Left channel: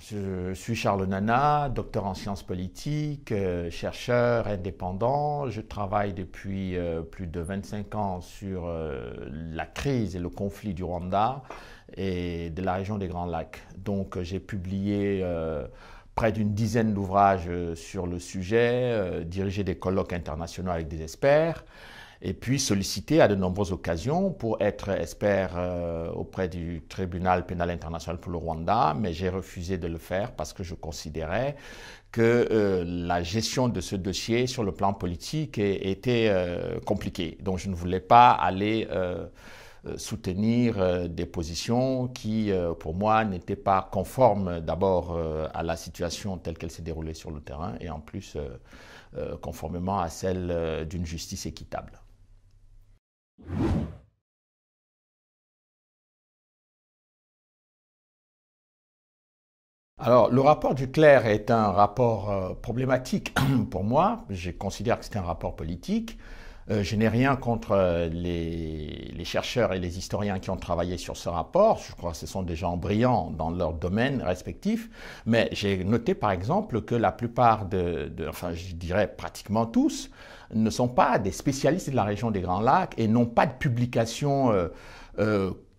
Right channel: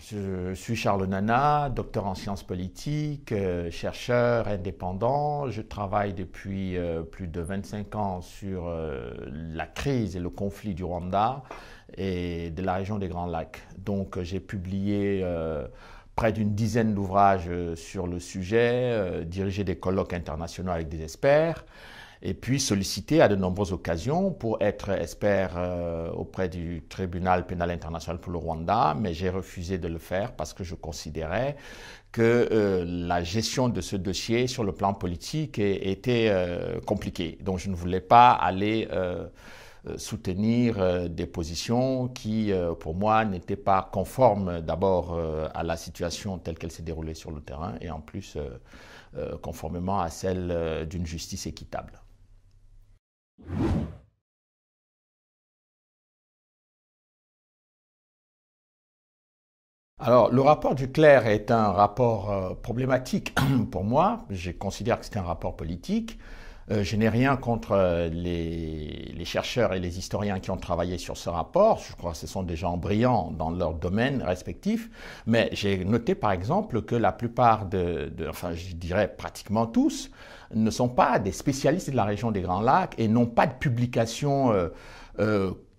Je suis Charles Nana, docteur en sciences politiques, chercheur indépendant. Je travaille depuis plus de 25 ans sur la crise et le conflit du Rwanda et de la région des Grands Lacs. Donc j'ai publié près d'une dizaine d'ouvrages sur le sujet, dirigé des colloques internationaux avec des experts, et puis sollicité à de nombreuses occasions pour être expert auprès du tribunal pénal international pour le Rwanda, mais j'ai refusé de le faire parce que je considérais que la gestion de ce dossier sur le plan politique était compliquée. Donc je ne voulais pas aller soutenir des positions qui, pour moi, n'étaient pas conformes d'abord à la situation telle qu'elle s'est déroulée sur le terrain et en plus conformément à celle d'une justice équitable. Alors, le rapport du Clerc est un rapport problématique pour moi. Je considère que c'est un rapport politique. Je n'ai rien contre les chercheurs et les historiens qui ont travaillé sur ce rapport. Je crois que ce sont des gens brillants dans leur domaine respectif. Mais j'ai noté par exemple que la plupart enfin je dirais pratiquement tous, ne sont pas des spécialistes de la région des Grands Lacs et n'ont pas de publications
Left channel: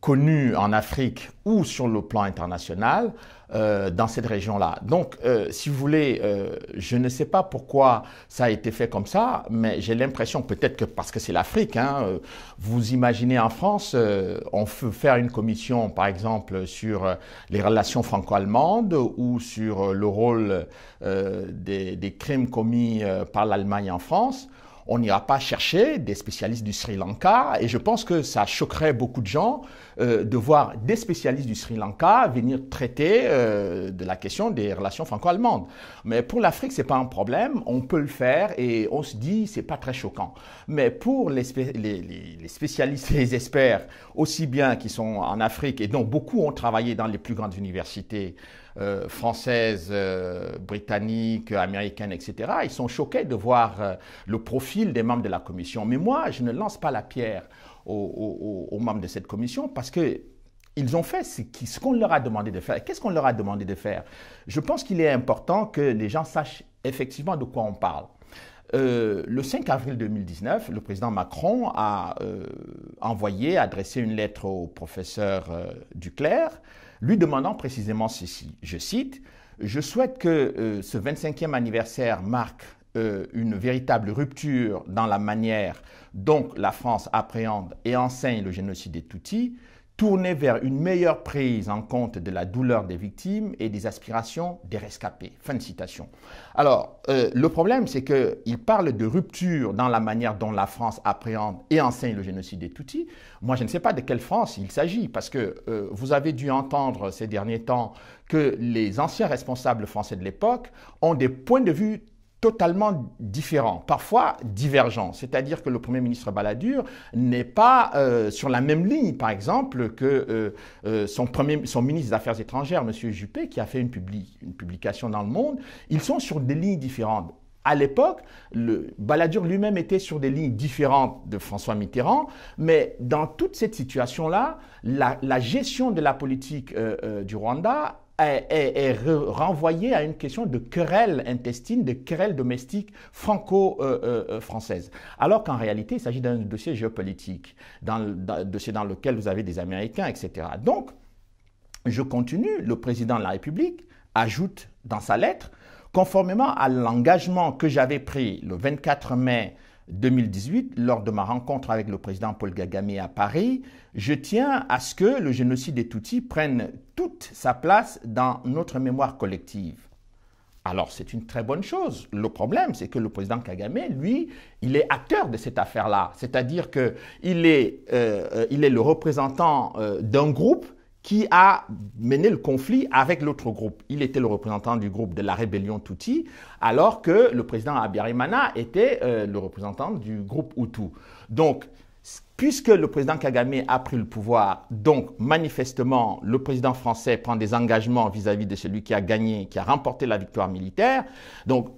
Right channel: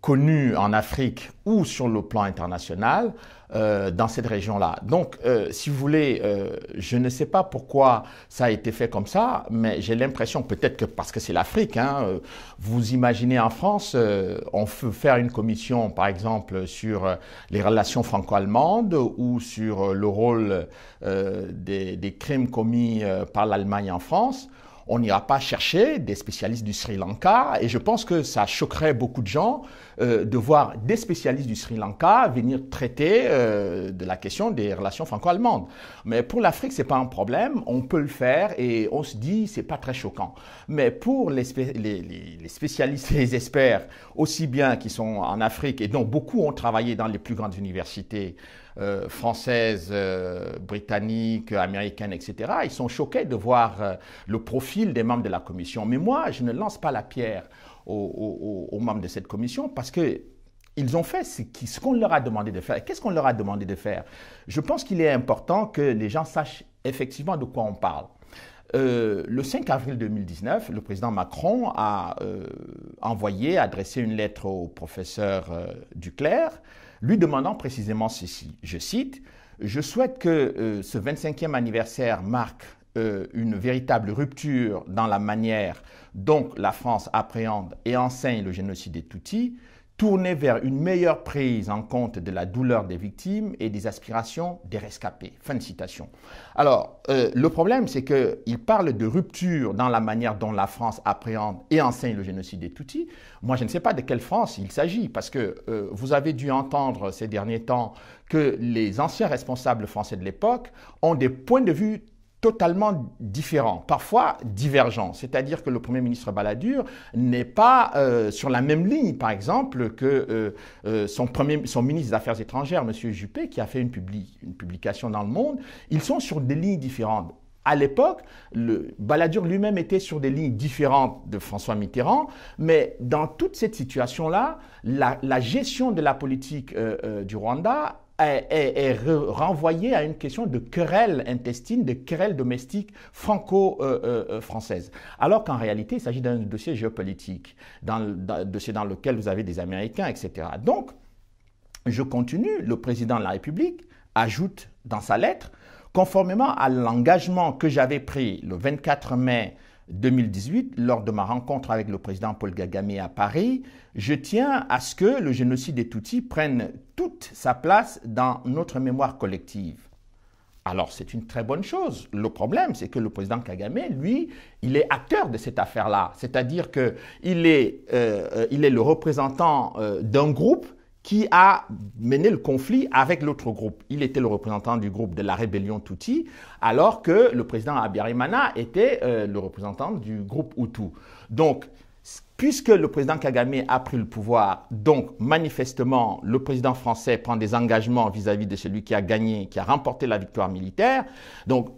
connues en Afrique ou sur le plan international dans cette région-là. Donc, si vous voulez, je ne sais pas pourquoi ça a été fait comme ça, mais j'ai l'impression, peut-être que parce que c'est l'Afrique, hein, vous imaginez en France, on peut faire une commission, par exemple, sur les relations franco-allemandes ou sur le rôle des crimes commis par l'Allemagne en France. On n'ira pas chercher des spécialistes du Sri Lanka et je pense que ça choquerait beaucoup de gens de voir des spécialistes du Sri Lanka venir traiter de la question des relations franco-allemandes. Mais pour l'Afrique, c'est pas un problème, on peut le faire et on se dit c'est pas très choquant. Mais pour les spécialistes, les experts, aussi bien qui sont en Afrique et dont beaucoup ont travaillé dans les plus grandes universités françaises, britanniques, américaines, etc. Ils sont choqués de voir le profil des membres de la commission. Mais moi, je ne lance pas la pierre aux membres de cette commission parce que ils ont fait ce qu'on leur a demandé de faire. Qu'est-ce qu'on leur a demandé de faire? Je pense qu'il est important que les gens sachent effectivement de quoi on parle. Le 5 avril 2019, le président Macron a adressé une lettre au professeur Duclerc, lui demandant précisément ceci, je cite, « Je souhaite que ce 25e anniversaire marque une véritable rupture dans la manière dont la France appréhende et enseigne le génocide des Tutsis, tournée vers une meilleure prise en compte de la douleur des victimes et des aspirations des rescapés. » Fin de citation. Alors, le problème, c'est qu'il parle de rupture dans la manière dont la France appréhende et enseigne le génocide des Tutsis. Moi, je ne sais pas de quelle France il s'agit, parce que vous avez dû entendre ces derniers temps que les anciens responsables français de l'époque ont des points de vue totalement différents, parfois divergents. C'est-à-dire que le Premier ministre Balladur n'est pas sur la même ligne, par exemple, que son ministre des Affaires étrangères, M. Juppé, qui a fait une publication dans Le Monde. Ils sont sur des lignes différentes. À l'époque, Balladur lui-même était sur des lignes différentes de François Mitterrand, mais dans toute cette situation-là, la gestion de la politique du Rwanda est renvoyé à une question de querelle intestine, de querelle domestique franco-française. Alors qu'en réalité, il s'agit d'un dossier géopolitique, d'un dossier dans lequel vous avez des Américains, etc. Donc, je continue, le président de la République ajoute dans sa lettre, conformément à l'engagement que j'avais pris le 24 mai 2018, lors de ma rencontre avec le président Paul Kagame à Paris, je tiens à ce que le génocide des Tutsis prenne toute sa place dans notre mémoire collective. Alors, c'est une très bonne chose. Le problème, c'est que le président Kagame, lui, il est acteur de cette affaire-là. C'est-à-dire qu'il est le représentant d'un groupe qui a mené le conflit avec l'autre groupe. Il était le représentant du groupe de la rébellion Tutsi, alors que le président Habyarimana était le représentant du groupe Hutu. Donc, puisque le président Kagame a pris le pouvoir, donc manifestement, le président français prend des engagements vis-à-vis de celui qui a gagné, qui a remporté la victoire militaire. Donc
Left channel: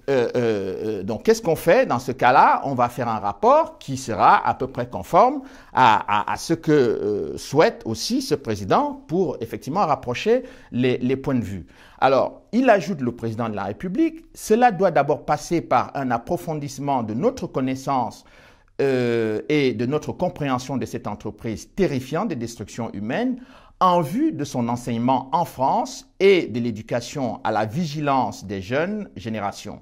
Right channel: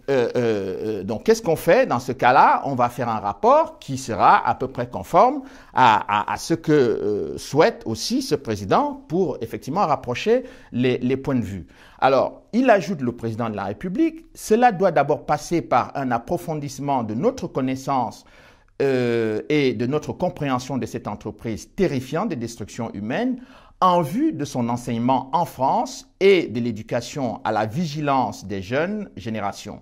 qu'est-ce qu'on fait dans ce cas-là? On va faire un rapport qui sera à peu près conforme à ce que souhaite aussi ce président pour effectivement rapprocher les points de vue. Alors, il ajoute le président de la République, cela doit d'abord passer par un approfondissement de notre connaissance et de notre compréhension de cette entreprise terrifiante de destruction humaine en vue de son enseignement en France et de l'éducation à la vigilance des jeunes générations.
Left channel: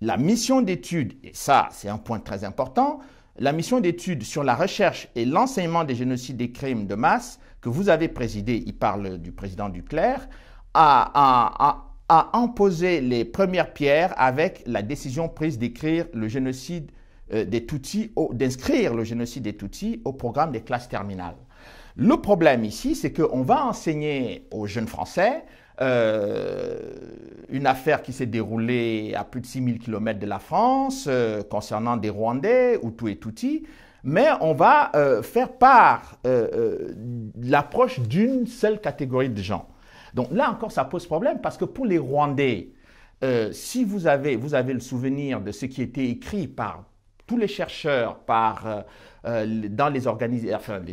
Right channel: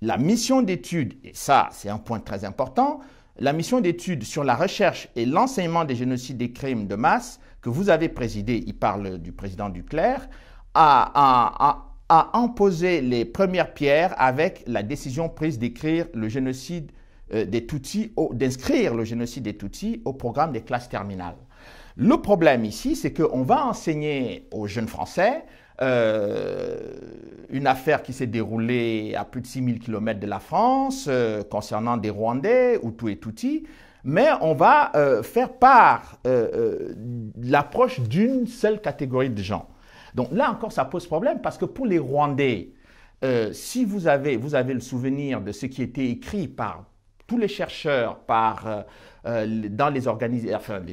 La mission d'étude, et ça c'est un point très important, la mission d'étude sur la recherche et l'enseignement des génocides et crimes de masse que vous avez présidé, il parle du président Duclerc, a imposé les premières pierres avec la décision prise d'écrire le génocide des Tutsis, d'inscrire le génocide des Tutsis au programme des classes terminales. Le problème ici, c'est qu'on va enseigner aux jeunes Français une affaire qui s'est déroulée à plus de 6000 km de la France concernant des Rwandais, Hutus et Tutsis, mais on va faire part l'approche d'une seule catégorie de gens. Donc là encore, ça pose problème parce que pour les Rwandais, si vous avez le souvenir de ce qui était écrit par tous les chercheurs, dans les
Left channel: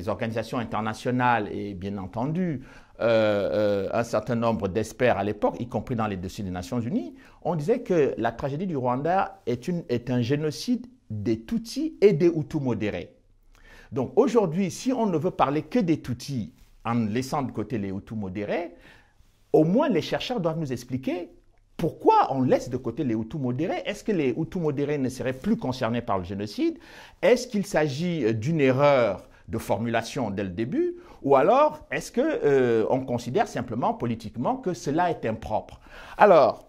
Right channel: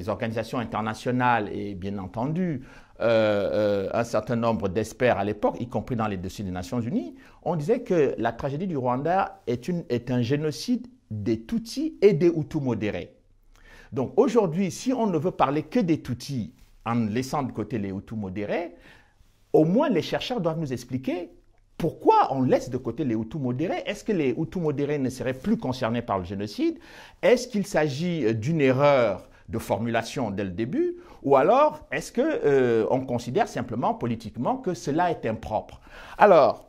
organisations internationales et bien entendu un certain nombre d'experts à l'époque, y compris dans les dossiers des Nations Unies, on disait que la tragédie du Rwanda est un génocide des Tutsis et des Hutus modérés. Donc aujourd'hui, si on ne veut parler que des Tutsis en laissant de côté les Hutus modérés, au moins les chercheurs doivent nous expliquer pourquoi on laisse de côté les Hutus modérés. Est-ce que les Hutus modérés ne seraient plus concernés par le génocide? Est-ce qu'il s'agit d'une erreur de formulation dès le début? Ou alors, est-ce qu'on considère simplement politiquement que cela est impropre? Alors,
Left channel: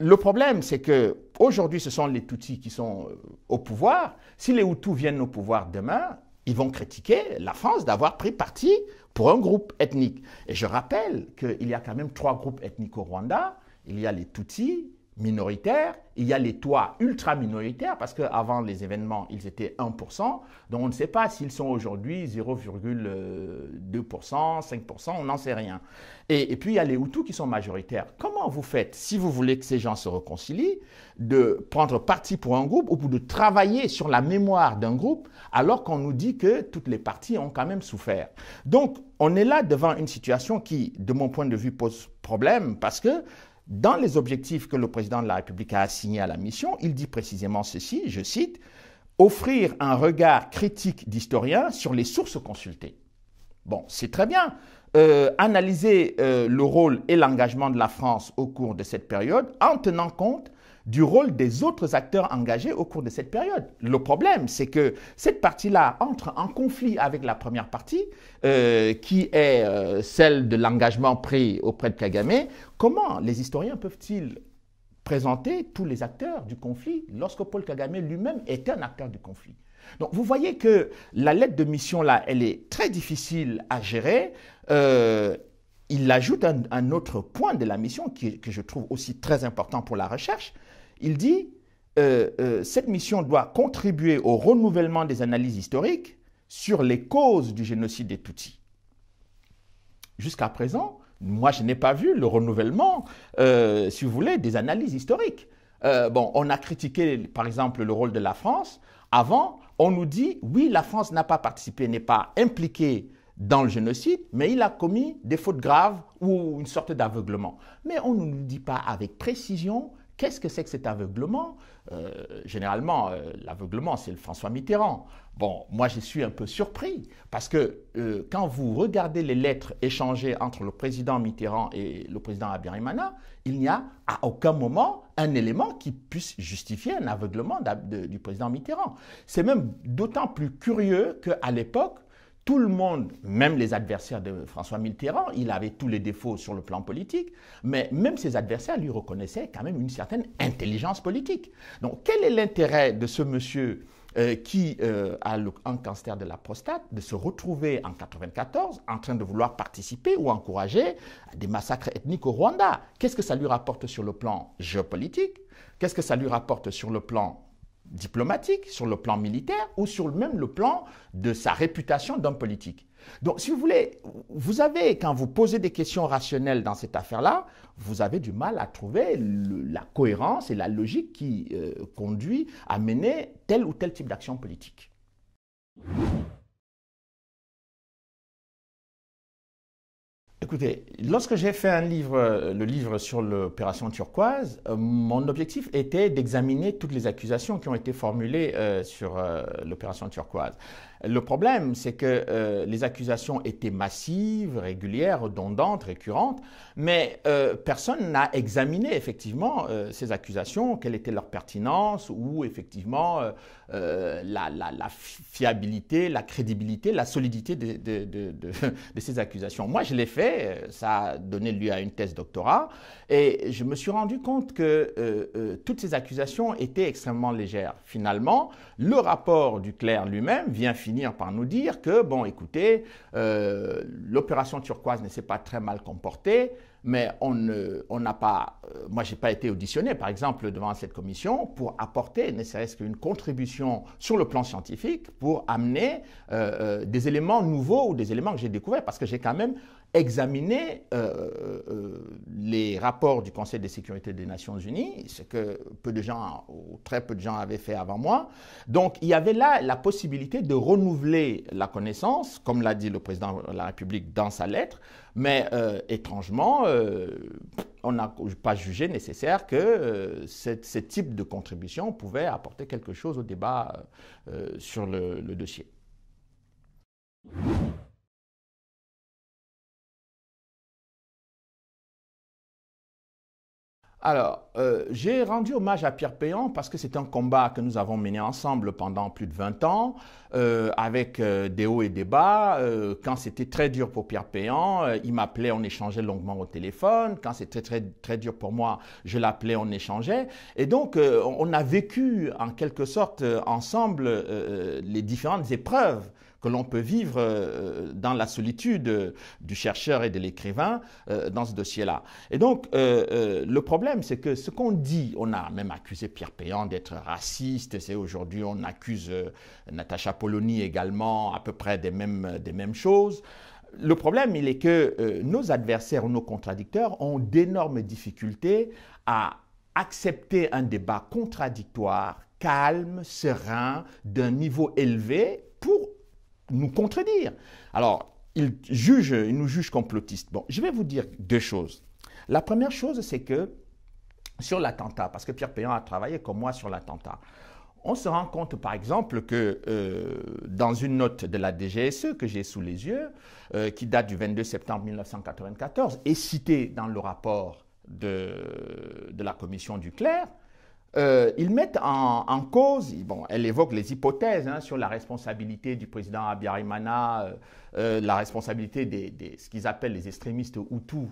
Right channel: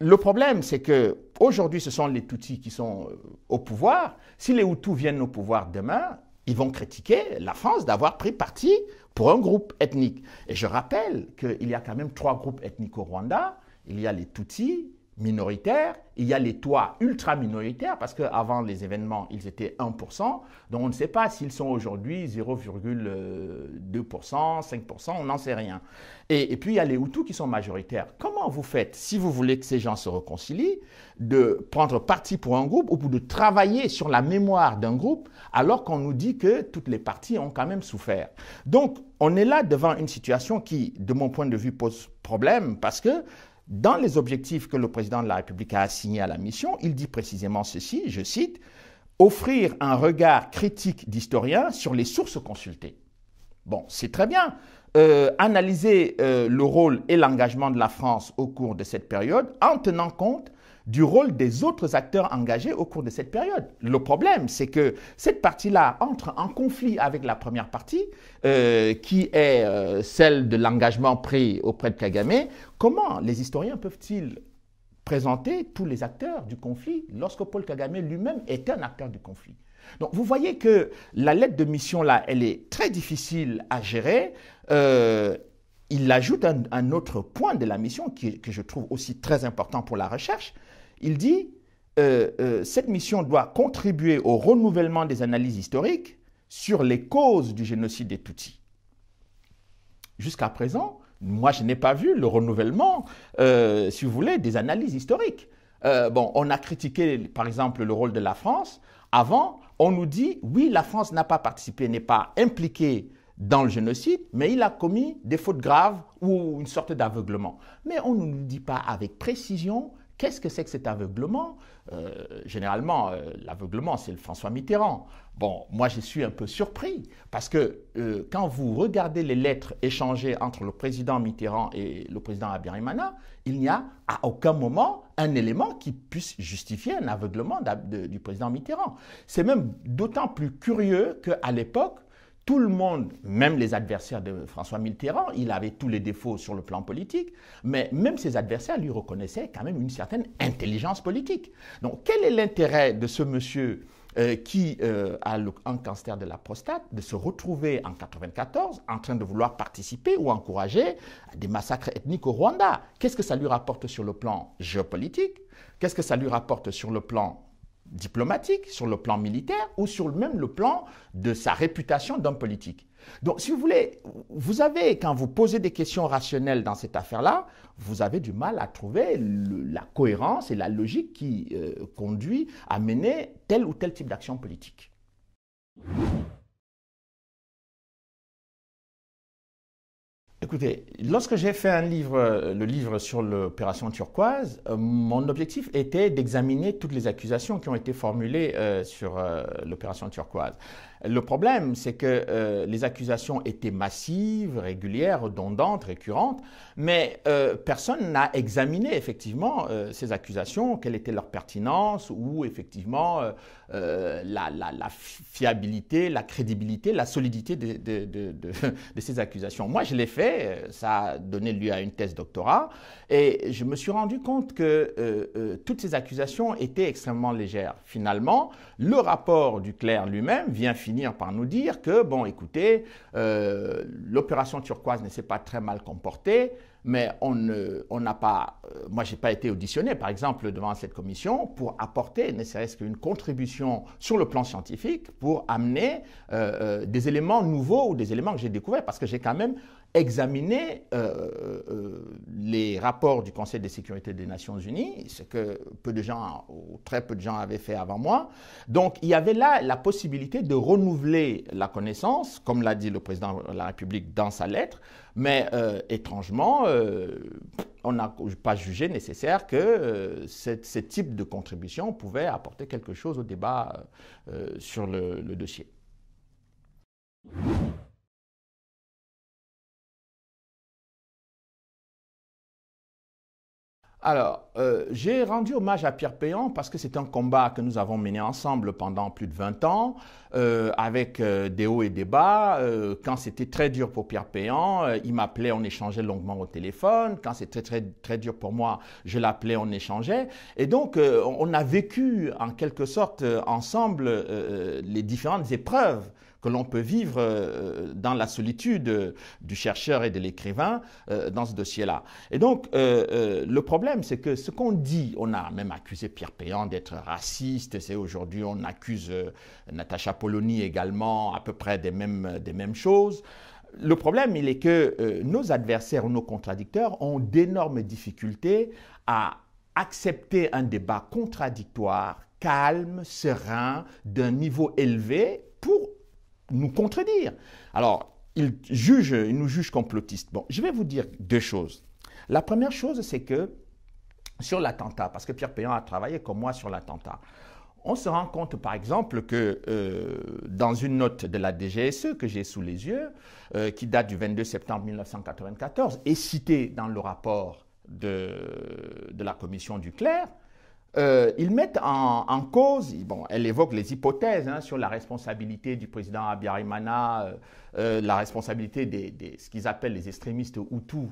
le problème, c'est qu'aujourd'hui, ce sont les Tutsis qui sont au pouvoir. Si les Hutus viennent au pouvoir demain, ils vont critiquer la France d'avoir pris parti pour un groupe ethnique. Et je rappelle qu'il y a quand même 3 groupes ethniques au Rwanda. Il y a les Tutsis minoritaires, il y a les Twa ultra-minoritaires, parce qu'avant les événements, ils étaient 1%, donc on ne sait pas s'ils sont aujourd'hui 0,2%, 5%, on n'en sait rien. Et puis il y a les Hutus qui sont majoritaires. Comment vous faites, si vous voulez que ces gens se réconcilient, de prendre parti pour un groupe ou de travailler sur la mémoire d'un groupe, alors qu'on nous dit que toutes les parties ont quand même souffert? Donc on est là devant une situation qui, de mon point de vue, pose problème, parce que dans les objectifs que le président de la République a assignés à la mission, il dit précisément ceci, je cite, « Offrir un regard critique d'historien sur les sources consultées ». Bon, c'est très bien. Analyser le rôle et l'engagement de la France au cours de cette période en tenant compte du rôle des autres acteurs engagés au cours de cette période. Le problème, c'est que cette partie-là entre en conflit avec la première partie, qui est celle de l'engagement pris auprès de Kagame. Comment les historiens peuvent-ils présenter tous les acteurs du conflit lorsque Paul Kagame lui-même est un acteur du conflit? Donc vous voyez que la lettre de mission-là, elle est très difficile à gérer. Il ajoute un autre point de la mission que je trouve aussi très important pour la recherche. Il dit cette mission doit contribuer au renouvellement des analyses historiques sur les causes du génocide des Tutsis. Jusqu'à présent, moi je n'ai pas vu le renouvellement, si vous voulez, des analyses historiques. Bon, on a critiqué par exemple le rôle de la France. Avant, on nous dit oui, la France n'a pas participé, n'est pas impliquée dans le génocide, mais il a commis des fautes graves ou une sorte d'aveuglement. Mais on ne nous dit pas avec précision qu'est-ce que c'est que cet aveuglement. Généralement, l'aveuglement, c'est le François Mitterrand. Bon, moi, je suis un peu surpris parce que quand vous regardez les lettres échangées entre le président Mitterrand et le président Habyarimana, il n'y a à aucun moment un élément qui puisse justifier un aveuglement du président Mitterrand. C'est même d'autant plus curieux qu'à l'époque, tout le monde, même les adversaires de François Mitterrand, il avait tous les défauts sur le plan politique, mais même ses adversaires lui reconnaissaient quand même une certaine intelligence politique. Donc quel est l'intérêt de ce monsieur qui a un cancer de la prostate de se retrouver en 1994 en train de vouloir participer ou encourager à des massacres ethniques au Rwanda? Qu'est-ce que ça lui rapporte sur le plan géopolitique? Qu'est-ce que ça lui rapporte sur le plan diplomatique, sur le plan militaire ou sur même le plan de sa réputation d'homme politique? Donc, si vous voulez, vous avez, quand vous posez des questions rationnelles dans cette affaire-là, vous avez du mal à trouver la cohérence et la logique qui conduit à mener tel ou tel type d'action politique. Écoutez, lorsque j'ai fait le livre sur l'opération turquoise, mon objectif était d'examiner toutes les accusations qui ont été formulées sur l'opération turquoise. Le problème, c'est que les accusations étaient massives, régulières, redondantes, récurrentes, mais personne n'a examiné effectivement ces accusations, quelle était leur pertinence ou effectivement la fiabilité, la crédibilité, la solidité de ces accusations. Moi, je l'ai fait, ça a donné lieu à une thèse doctorat, et je me suis rendu compte que toutes ces accusations étaient extrêmement légères. Finalement, le rapport du clerc lui-même vient finir par nous dire que, bon, écoutez, l'opération turquoise ne s'est pas très mal comportée, mais on n'a pas, moi j'ai pas été auditionné par exemple devant cette commission pour apporter ne serait-ce qu'une contribution sur le plan scientifique pour amener des éléments nouveaux ou des éléments que j'ai découverts parce que j'ai quand même examiné les rapports du Conseil de sécurité des Nations Unies, ce que peu de gens ou très peu de gens avaient fait avant moi. Donc il y avait là la possibilité de renouveler la connaissance, comme l'a dit le président de la République dans sa lettre, mais étrangement, on n'a pas jugé nécessaire que ce type de contribution pouvait apporter quelque chose au débat sur le dossier. Alors, j'ai rendu hommage à Pierre Péan parce que c'est un combat que nous avons mené ensemble pendant plus de 20 ans, avec des hauts et des bas. Quand c'était très dur pour Pierre Péan, il m'appelait, on échangeait longuement au téléphone. Quand c'était très dur pour moi, je l'appelais, on échangeait. Et donc, on a vécu en quelque sorte ensemble les différentes épreuves que l'on peut vivre dans la solitude du chercheur et de l'écrivain dans ce dossier-là. Et donc, le problème, c'est que ce qu'on dit, on a même accusé Pierre Péan d'être raciste, c'est aujourd'hui on accuse Natacha Polony également à peu près des mêmes choses. Le problème, il est que nos adversaires ou nos contradicteurs ont d'énormes difficultés à accepter un débat contradictoire, calme, serein, d'un niveau élevé pour nous contredire. Alors, ils nous jugent complotistes. Bon, je vais vous dire deux choses. La première chose, c'est que sur l'attentat, parce que Pierre Péan a travaillé comme moi sur l'attentat, on se rend compte, par exemple, que dans une note de la DGSE que j'ai sous les yeux, qui date du 22 septembre 1994, et citée dans le rapport de la commission du clerc, ils mettent en cause, bon, elle évoque les hypothèses sur la responsabilité du président Abiyarimana, la responsabilité de ce qu'ils appellent les extrémistes Hutus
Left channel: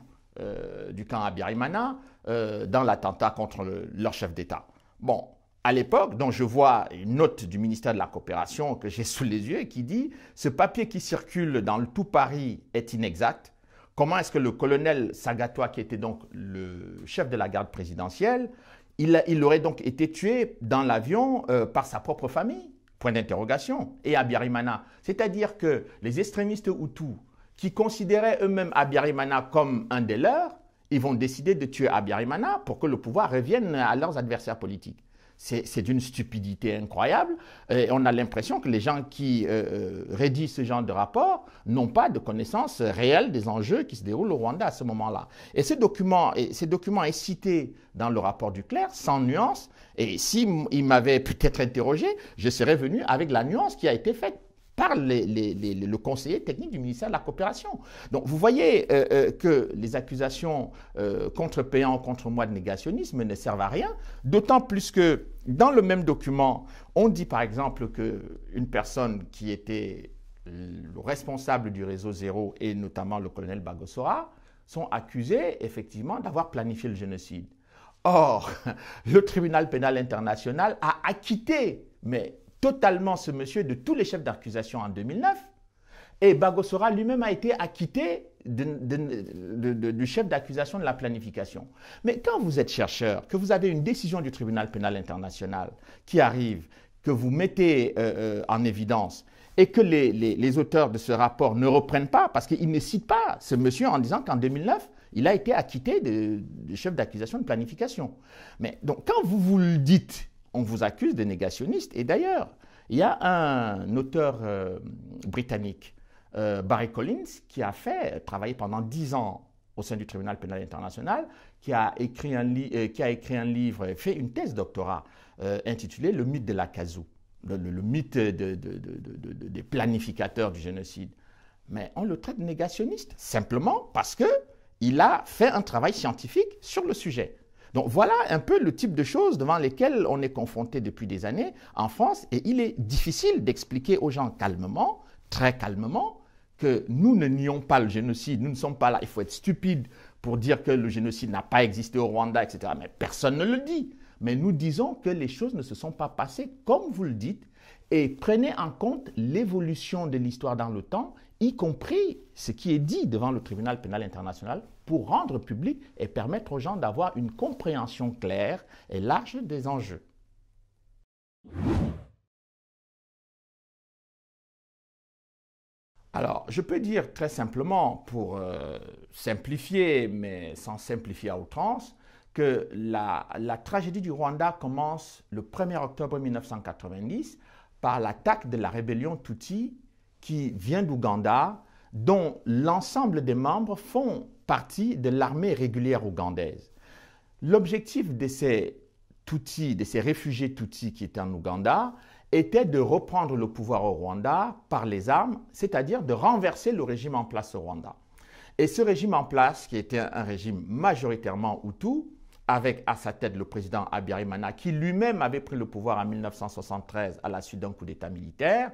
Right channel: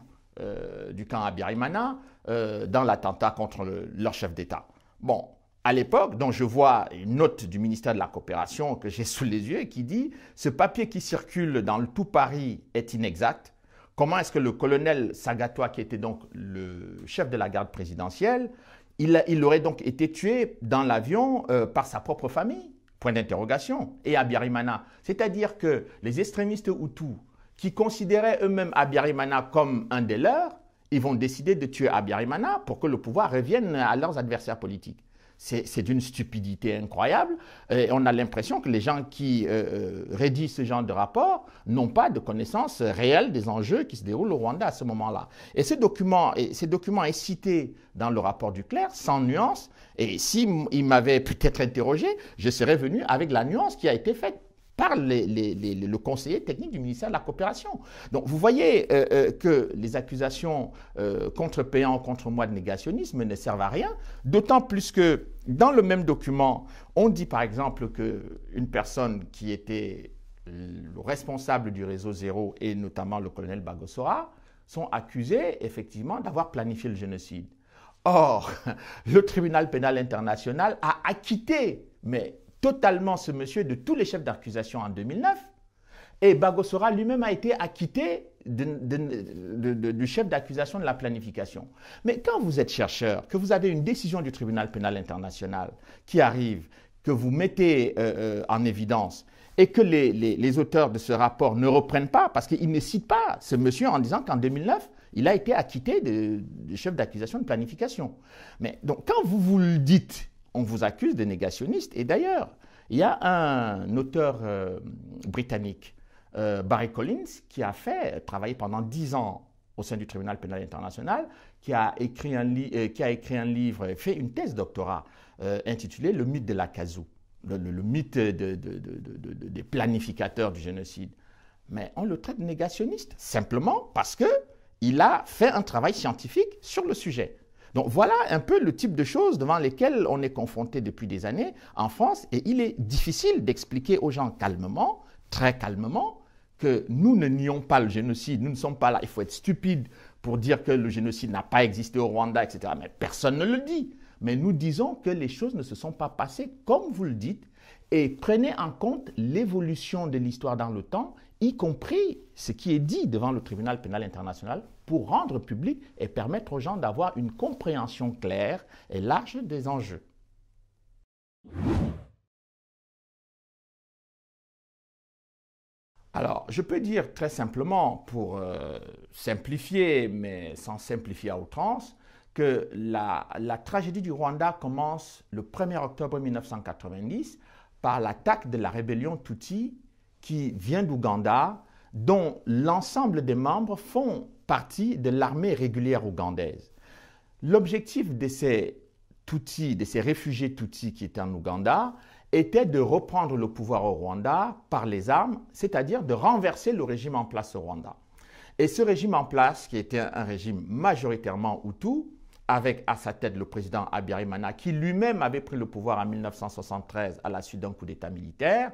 du camp Abiyarimana dans l'attentat contre leur chef d'État. Bon, à l'époque, donc je vois une note du ministère de la Coopération que j'ai sous les yeux qui dit « Ce papier qui circule dans le tout Paris est inexact. Comment est-ce que le colonel Sagatois, qui était donc le chef de la garde présidentielle, il aurait donc été tué dans l'avion par sa propre famille, point d'interrogation, et Abiyarimana. C'est-à-dire que les extrémistes Hutus qui considéraient eux-mêmes Abiyarimana comme un des leurs, ils vont décider de tuer Abiyarimana pour que le pouvoir revienne à leurs adversaires politiques. C'est d'une stupidité incroyable. Et on a l'impression que les gens qui rédigent ce genre de rapport n'ont pas de connaissance réelle des enjeux qui se déroulent au Rwanda à ce moment-là. Et ce document est cité dans le rapport du clerc, sans nuance. Et s'il m'avait peut-être interrogé, je serais venu avec la nuance qui a été faite par le conseiller technique du ministère de la Coopération. Donc vous voyez que les accusations contre Péan, contre moi de négationnisme ne servent à rien, d'autant plus que dans le même document, on dit par exemple qu'une personne qui était le responsable du réseau Zéro et notamment le colonel Bagosora sont accusés effectivement d'avoir planifié le génocide. Or, le tribunal pénal international a acquitté, mais totalement ce monsieur de tous les chefs d'accusation en 2009. Et Bagosora lui-même a été acquitté du chef d'accusation de la planification. Mais quand vous êtes chercheur, que vous avez une décision du tribunal pénal international qui arrive, que vous mettez en évidence, et que les auteurs de ce rapport ne reprennent pas, parce qu'ils ne citent pas ce monsieur en disant qu'en 2009, il a été acquitté du chef d'accusation de planification. Mais donc quand vous le dites, on vous accuse de négationniste. Et d'ailleurs, il y a un auteur britannique Barry Collins, qui a travaillé pendant 10 ans au sein du tribunal pénal international, qui a écrit un livre, fait une thèse doctorat intitulée Le mythe de l'Akazu, le mythe des planificateurs du génocide. Mais on le traite de négationniste, simplement parce qu'il a fait un travail scientifique sur le sujet. Donc voilà un peu le type de choses devant lesquelles on est confronté depuis des années en France, et il est difficile d'expliquer aux gens calmement, très calmement, que nous ne nions pas le génocide, nous ne sommes pas là, il faut être stupide pour dire que le génocide n'a pas existé au Rwanda, etc. Mais personne ne le dit. Mais nous disons que les choses ne se sont pas passées comme vous le dites, et prenez en compte l'évolution de l'histoire dans le temps, y compris ce qui est dit devant le tribunal pénal international, pour rendre public et permettre aux gens d'avoir une compréhension claire et large des enjeux. Alors, je peux dire très simplement, pour simplifier, mais sans simplifier à outrance, que la tragédie du Rwanda commence le 1er octobre 1990 par l'attaque de la rébellion Tutsi qui vient d'Ouganda, dont l'ensemble des membres font partie de l'armée régulière ougandaise. L'objectif de ces Tutsis, de ces réfugiés Tutsis qui étaient en Ouganda, était de reprendre le pouvoir au Rwanda par les armes, c'est-à-dire de renverser le régime en place au Rwanda. Et ce régime en place, qui était un régime majoritairement Hutu, avec à sa tête le président Habyarimana, qui lui-même avait pris le pouvoir en 1973 à la suite d'un coup d'État militaire,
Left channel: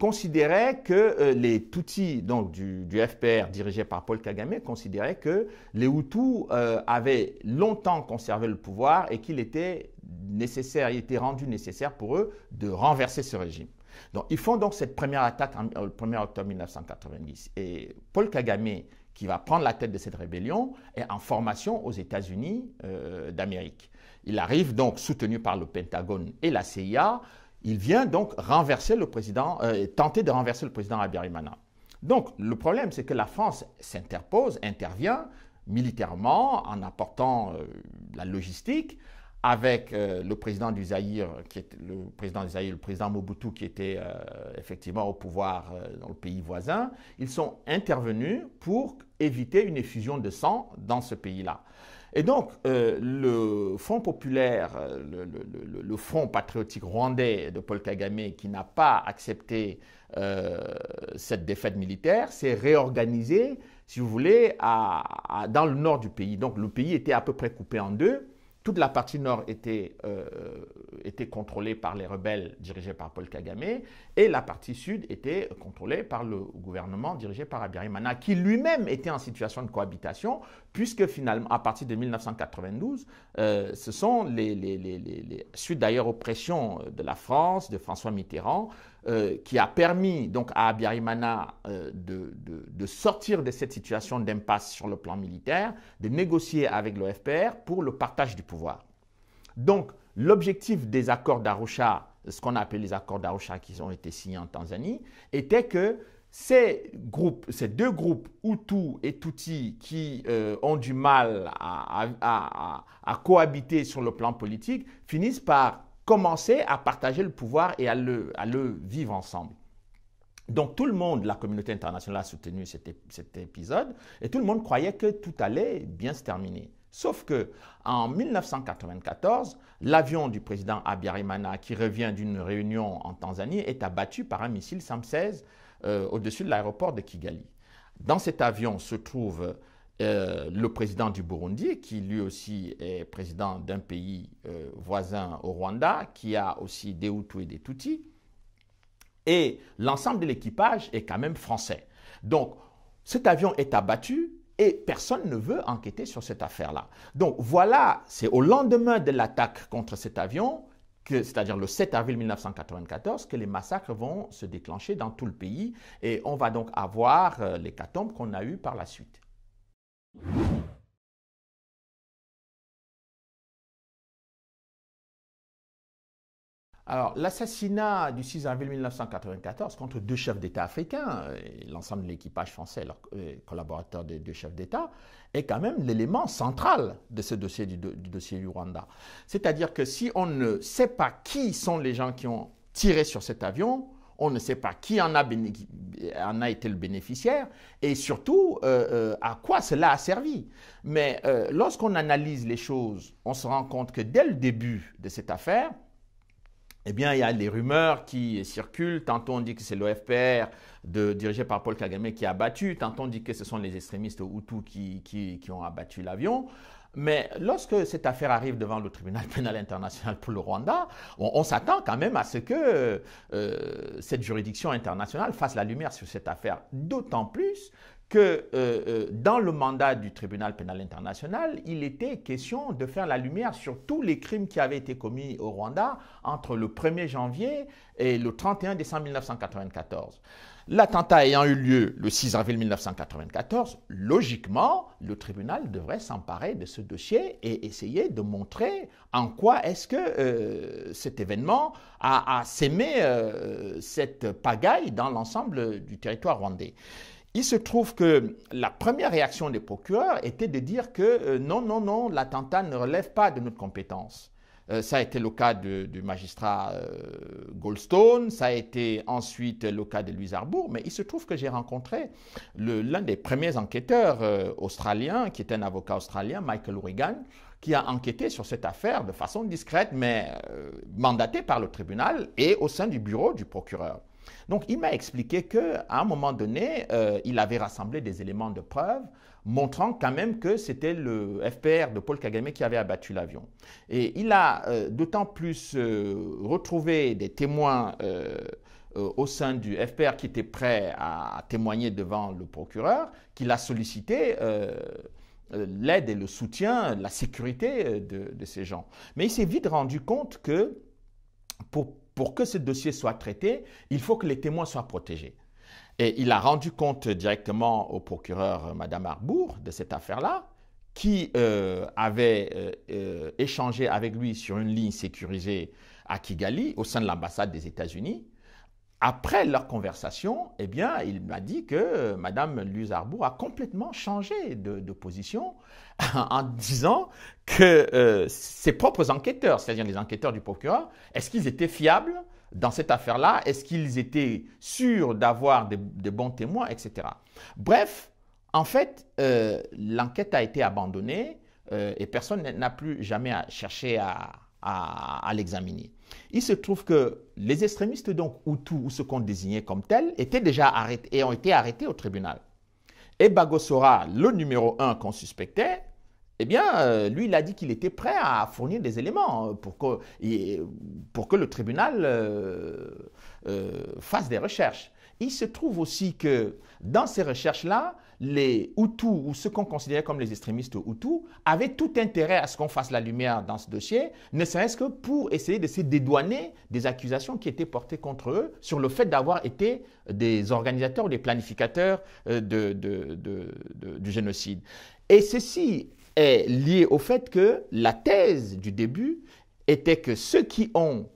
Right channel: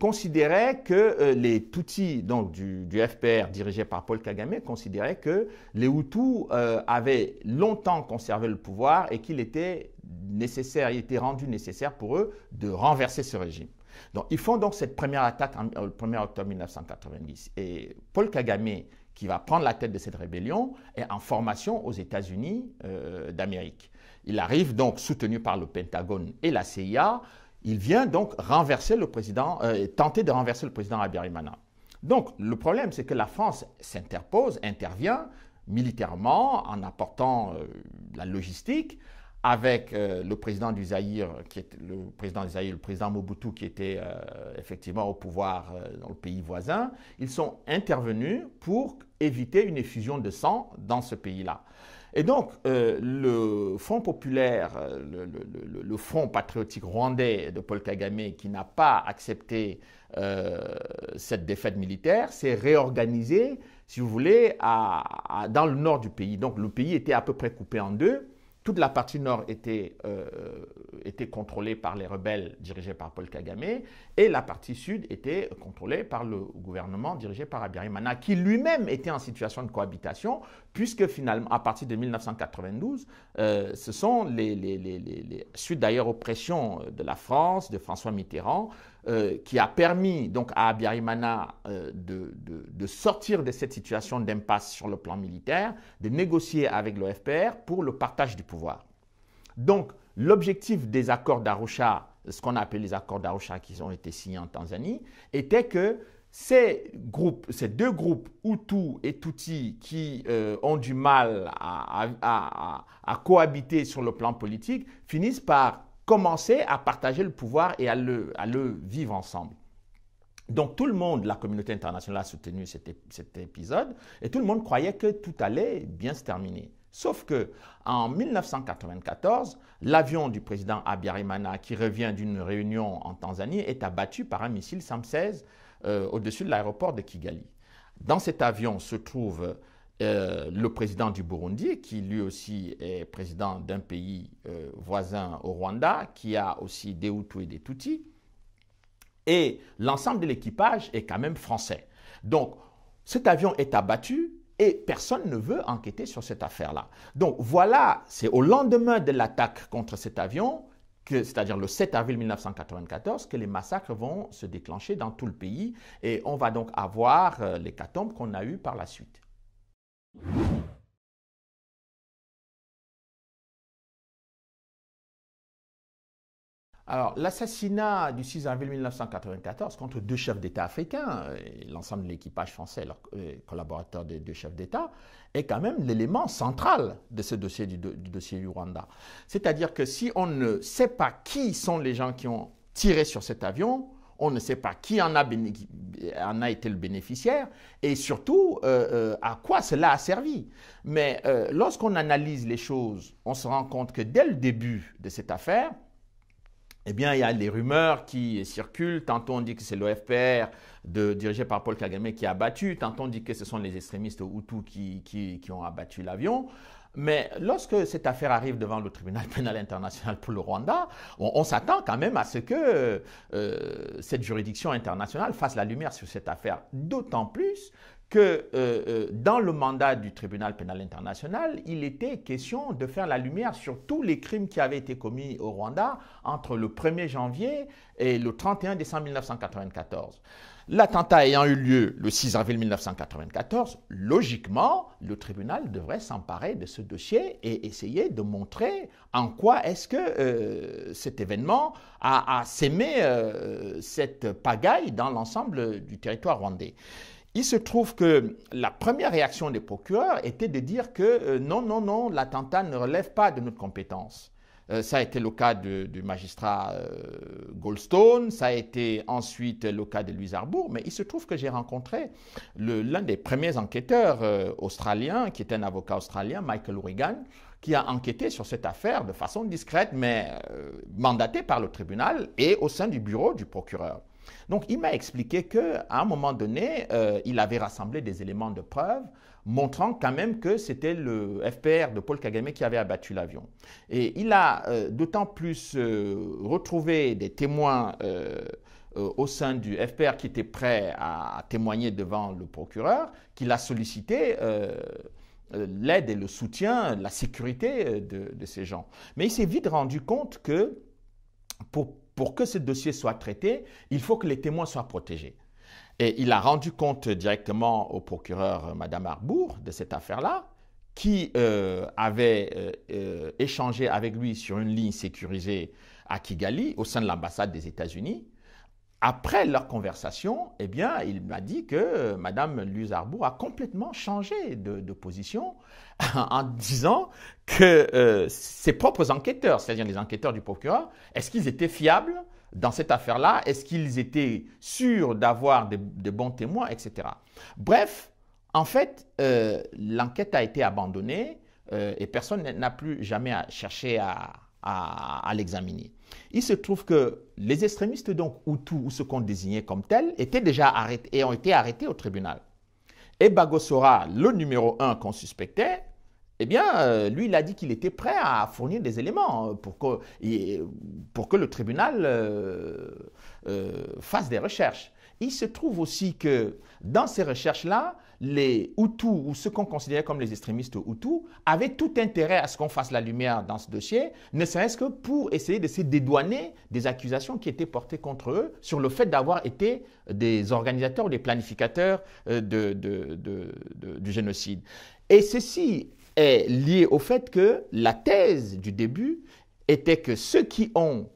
considérait que les Tutsis, donc du FPR dirigé par Paul Kagame, considéraient que les Hutus avaient longtemps conservé le pouvoir et qu'il était nécessaire, il était rendu nécessaire pour eux de renverser ce régime. Donc ils font donc cette première attaque le 1er octobre 1990. Et Paul Kagame, qui va prendre la tête de cette rébellion, est en formation aux États-Unis d'Amérique. Il arrive donc soutenu par le Pentagone et la CIA. Il vient donc renverser le président, tenter de renverser le président Habyarimana. Donc le problème, c'est que la France s'interpose, intervient militairement en apportant la logistique, avec le président du Zaïre, le président Mobutu, qui était effectivement au pouvoir dans le pays voisin. Ils sont intervenus pour éviter une effusion de sang dans ce pays-là. Et donc, le Front populaire, le Front patriotique rwandais de Paul Kagame, qui n'a pas accepté cette défaite militaire, s'est réorganisé, si vous voulez, dans le nord du pays. Donc, le pays était à peu près coupé en deux. Toute la partie nord était contrôlée par les rebelles dirigés par Paul Kagame, et la partie sud était contrôlée par le gouvernement dirigé par Habyarimana, qui lui-même était en situation de cohabitation, puisque finalement, à partir de 1992, ce sont suite d'ailleurs aux pressions de la France, de François Mitterrand, qui a permis donc à Habyarimana de sortir de cette situation d'impasse sur le plan militaire, de négocier avec le FPR pour le partage du pouvoir. Donc, l'objectif des accords d'Arusha, ce qu'on appelle les accords d'Arusha qui ont été signés en Tanzanie, était que ces deux groupes, Hutu et Tutsi, qui ont du mal à cohabiter sur le plan politique, finissent par commencer à partager le pouvoir et à le vivre ensemble. Donc tout le monde, la communauté internationale a soutenu cet épisode, et tout le monde croyait que tout allait bien se terminer. Sauf que en 1994, l'avion du président Habyarimana, qui revient d'une réunion en Tanzanie, est abattu par un missile SAM-16 au-dessus de l'aéroport de Kigali. Dans cet avion se trouve le président du Burundi, qui lui aussi est président d'un pays voisin au Rwanda, qui a aussi des Hutus et des Tutsis. Et l'ensemble de l'équipage est quand même français. Donc, cet avion est abattu et personne ne veut enquêter sur cette affaire-là. Donc, voilà, c'est au lendemain de l'attaque contre cet avion, c'est-à-dire le 7 avril 1994, que les massacres vont se déclencher dans tout le pays. Et on va donc avoir l'hécatombe qu'on a eu par la suite. Alors, l'assassinat du 6 avril 1994 contre deux chefs d'État africains, et l'ensemble de l'équipage français, leurs collaborateurs des deux chefs d'État, est quand même l'élément central de ce dossier du dossier du Rwanda. C'est-à-dire que si on ne sait pas qui sont les gens qui ont tiré sur cet avion, on ne sait pas qui en a été le bénéficiaire et surtout à quoi cela a servi. Mais lorsqu'on analyse les choses, on se rend compte que dès le début de cette affaire, eh bien, il y a des rumeurs qui circulent. Tantôt on dit que c'est l'OFPR dirigé par Paul Kagame qui a abattu, tantôt on dit que ce sont les extrémistes Hutus qui ont abattu l'avion. Mais lorsque cette affaire arrive devant le tribunal pénal international pour le Rwanda, on s'attend quand même à ce que cette juridiction internationale fasse la lumière sur cette affaire. D'autant plus que dans le mandat du tribunal pénal international, il était question de faire la lumière sur tous les crimes qui avaient été commis au Rwanda entre le 1er janvier et le 31 décembre 1994. L'attentat ayant eu lieu le 6 avril 1994, logiquement, le tribunal devrait s'emparer de ce dossier et essayer de montrer en quoi est-ce que cet événement a sémé cette pagaille dans l'ensemble du territoire rwandais. Il se trouve que la première réaction des procureurs était de dire que non, l'attentat ne relève pas de notre compétence. Ça a été le cas du magistrat Goldstone, ça a été ensuite le cas de Louis Arbour, mais il se trouve que j'ai rencontré l'un des premiers enquêteurs australiens, qui est un avocat australien, Michael Regan, qui a enquêté sur cette affaire de façon discrète, mais mandaté par le tribunal et au sein du bureau du procureur. Donc, il m'a expliqué qu'à un moment donné, il avait rassemblé des éléments de preuve montrant quand même que c'était le FPR de Paul Kagame qui avait abattu l'avion. Et il a d'autant plus retrouvé des témoins au sein du FPR qui étaient prêts à témoigner devant le procureur, qu'il a sollicité l'aide et le soutien, la sécurité de ces gens. Mais il s'est vite rendu compte que pour que ce dossier soit traité, il faut que les témoins soient protégés. Et il a rendu compte directement au procureur, Mme Arbour, de cette affaire-là, qui avait échangé avec lui sur une ligne sécurisée à Kigali, au sein de l'ambassade des États-Unis. Après leur conversation, eh bien, il m'a dit que Mme Louise Arbour a complètement changé de position en disant que ses propres enquêteurs, c'est-à-dire les enquêteurs du procureur, est-ce qu'ils étaient fiables dans cette affaire-là? Est-ce qu'ils étaient sûrs d'avoir de bons témoins, etc. Bref, en fait, l'enquête a été abandonnée et personne n'a plus jamais cherché à l'examiner. Il se trouve que les extrémistes, donc Hutus, ou ce qu'on désignait comme tels, étaient déjà arrêtés et ont été arrêtés au tribunal. Et Bagosora, le numéro 1 qu'on suspectait, eh bien, lui, il a dit qu'il était prêt à fournir des éléments pour que le tribunal fasse des recherches. Il se trouve aussi que dans ces recherches-là, les Hutus, ou ceux qu'on considérait comme les extrémistes Hutus, avaient tout intérêt à ce qu'on fasse la lumière dans ce dossier, ne serait-ce que pour essayer de se dédouaner des accusations qui étaient portées contre eux sur le fait d'avoir été des organisateurs, des planificateurs du génocide. Et ceci est lié au fait que la thèse du début était que ceux qui ont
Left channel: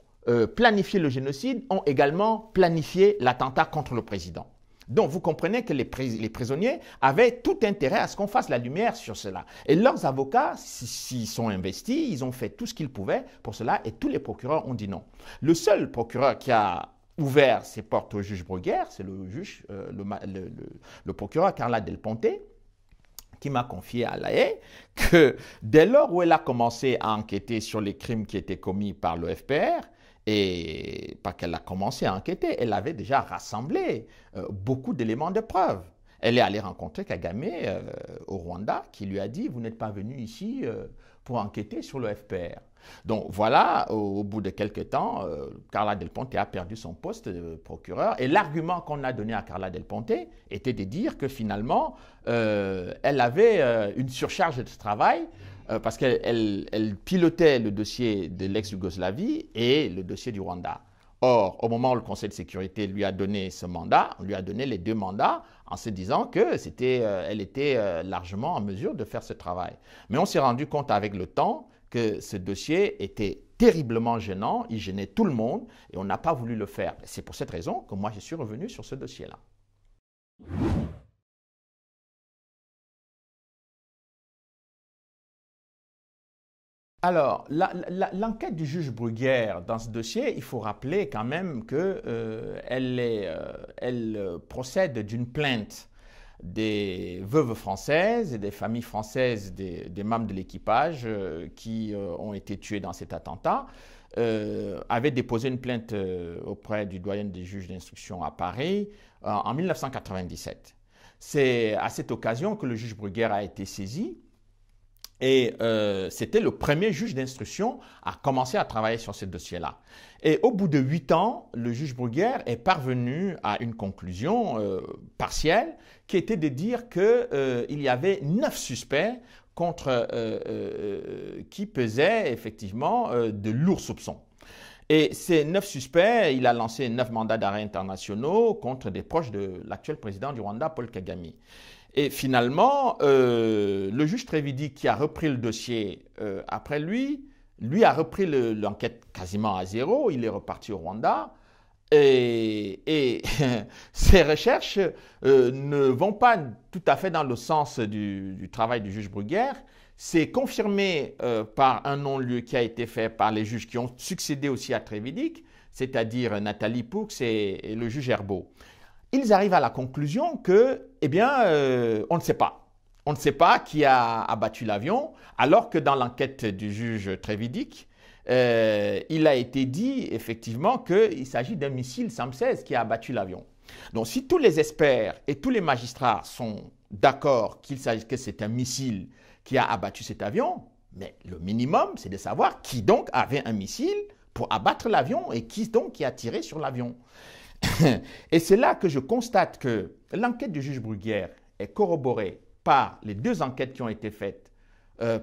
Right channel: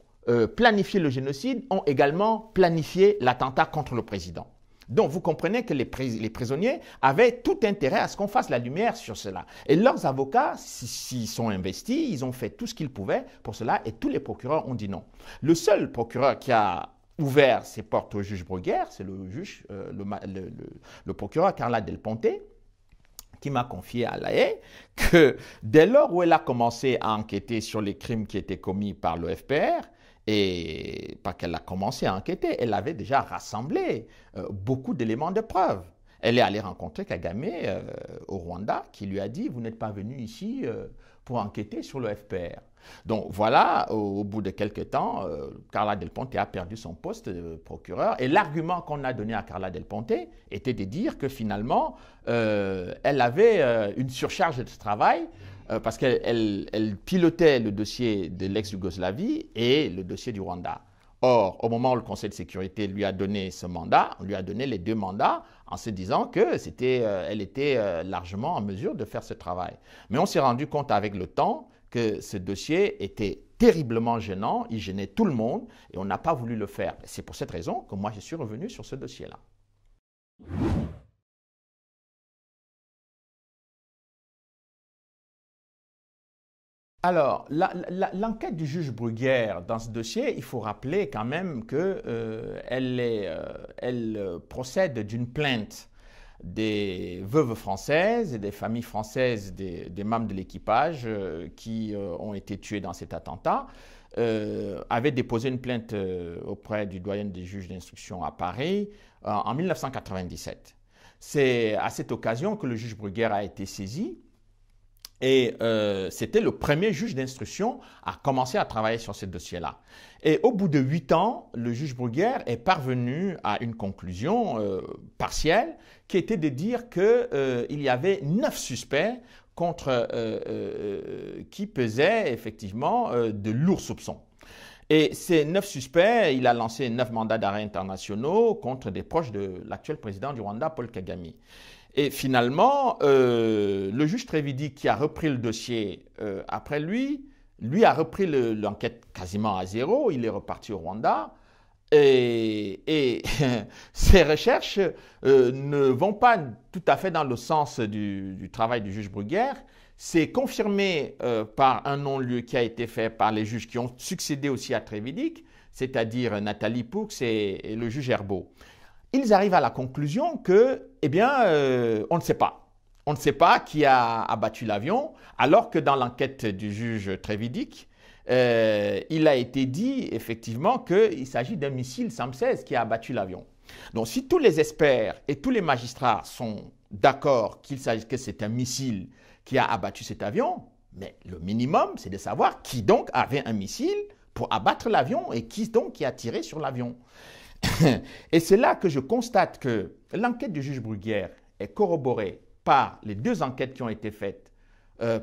planifié le génocide ont également planifié l'attentat contre le président. Donc, vous comprenez que les prisonniers avaient tout intérêt à ce qu'on fasse la lumière sur cela. Et leurs avocats, s'ils sont investis, ils ont fait tout ce qu'ils pouvaient pour cela et tous les procureurs ont dit non. Le seul procureur qui a ouvert ses portes au juge Bruguière, c'est le procureur Carla Del Ponte, qui m'a confié à La Haye que dès lors où elle a commencé à enquêter sur les crimes qui étaient commis par le FPR, et pas qu'elle a commencé à enquêter, elle avait déjà rassemblé beaucoup d'éléments de preuve. Elle est allée rencontrer Kagame au Rwanda, qui lui a dit « Vous n'êtes pas venu ici pour enquêter sur le FPR ». Donc voilà, au bout de quelques temps, Carla Del Ponte a perdu son poste de procureur. Et l'argument qu'on a donné à Carla Del Ponte était de dire que finalement, elle avait une surcharge de travail parce qu'elle pilotait le dossier de l'ex-Yougoslavie et le dossier du Rwanda. Or, au moment où le Conseil de sécurité lui a donné ce mandat, on lui a donné les deux mandats en se disant qu'elle était largement en mesure de faire ce travail. Mais on s'est rendu compte avec le temps que ce dossier était terriblement gênant, il gênait tout le monde et on n'a pas voulu le faire. C'est pour cette raison que moi je suis revenu sur ce dossier-là. Alors, l'enquête du juge Bruguière dans ce dossier, il faut rappeler quand même que elle procède d'une plainte des veuves françaises et des familles françaises des membres de l'équipage qui ont été tués dans cet attentat, avaient déposé une plainte auprès du doyen des juges d'instruction à Paris en 1997. C'est à cette occasion que le juge Bruguière a été saisi. Et c'était le premier juge d'instruction à commencer à travailler sur ce dossier-là. Et au bout de 8 ans, le juge Bruguière est parvenu à une conclusion partielle qui était de dire qu'il y avait 9 suspects contre qui pesaient effectivement de lourds soupçons. Et ces 9 suspects, il a lancé 9 mandats d'arrêt internationaux contre des proches de l'actuel président du Rwanda, Paul Kagame. Et finalement, le juge Trévidic qui a repris le dossier après lui a repris l'enquête quasiment à zéro, il est reparti au Rwanda. Et ces recherches ne vont pas tout à fait dans le sens du travail du juge Bruguière. C'est confirmé par un non-lieu qui a été fait par les juges qui ont succédé aussi à Trévidic, c'est-à-dire Nathalie Poux et le juge Herbeau. Ils arrivent à la conclusion que, eh bien, on ne sait pas. On ne sait pas qui a abattu l'avion, alors que dans l'enquête du juge Trévidic, il a été dit effectivement qu'il s'agit d'un missile SAM-16 qui a abattu l'avion. Donc, si tous les experts et tous les magistrats sont d'accord qu'il s'agit que c'est un missile qui a abattu cet avion, mais le minimum, c'est de savoir qui donc avait un missile pour abattre l'avion et qui donc qui a tiré sur l'avion. Et c'est là que je constate que l'enquête du juge Bruguière est corroborée par les 2 enquêtes qui ont été faites